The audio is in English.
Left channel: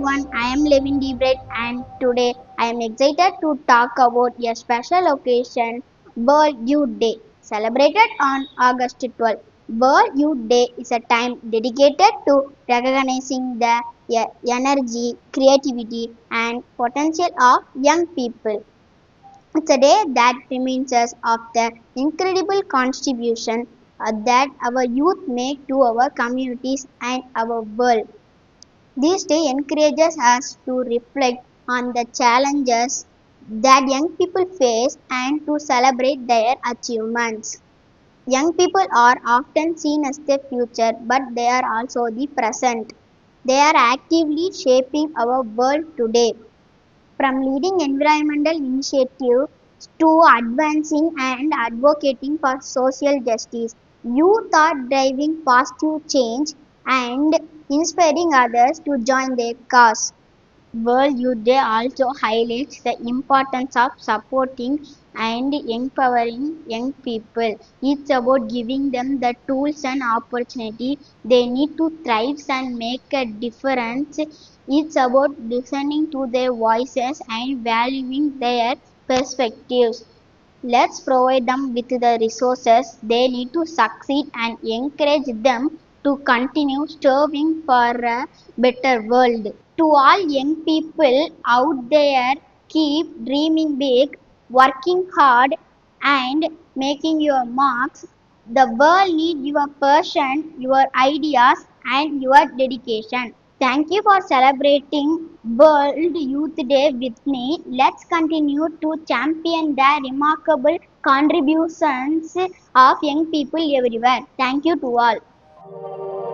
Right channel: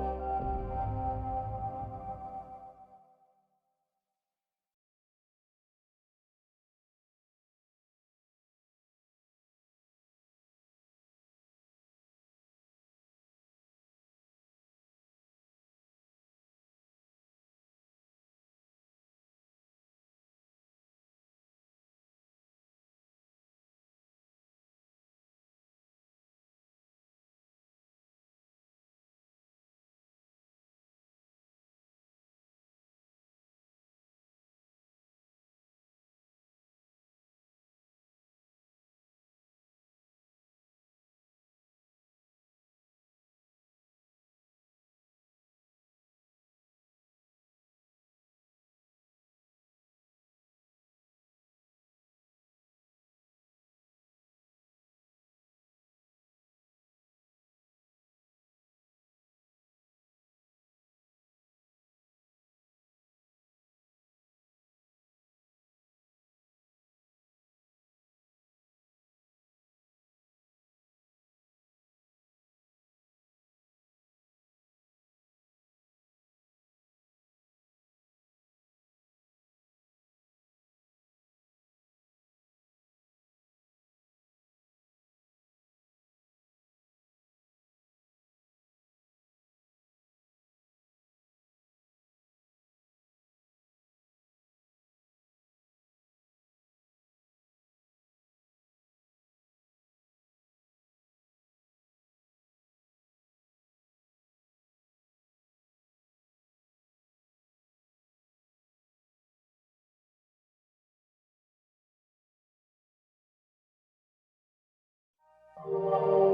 everyone, I am Levin Debright and today I am excited to talk about a special occasion, World Youth Day, celebrated on August 12th. World Youth Day is a time dedicated to recognizing the energy, creativity and potential of young people. It's a day that reminds us of the incredible contribution that our youth make to our communities and our world. This day encourages us to reflect on the challenges that young people face and to celebrate their achievements. Young people are often seen as the future, but they are also the present. They are actively shaping our world today. From leading environmental initiatives to advancing and advocating for social justice, youth are driving positive change and inspiring others to join their cause. World Youth Day also highlights the importance of supporting and empowering young people. It's about giving them the tools and opportunity they need to thrive and make a difference. It's about listening to their voices and valuing their perspectives. Let's provide them with the resources they need to succeed and encourage them to continue striving for a better world. To all young people out there, keep dreaming big, working hard, and making your marks. The world needs your passion, your ideas, and your dedication. Thank you for celebrating World Youth Day with me. Let's continue to champion the remarkable contributions of young people everywhere. Thank you to all.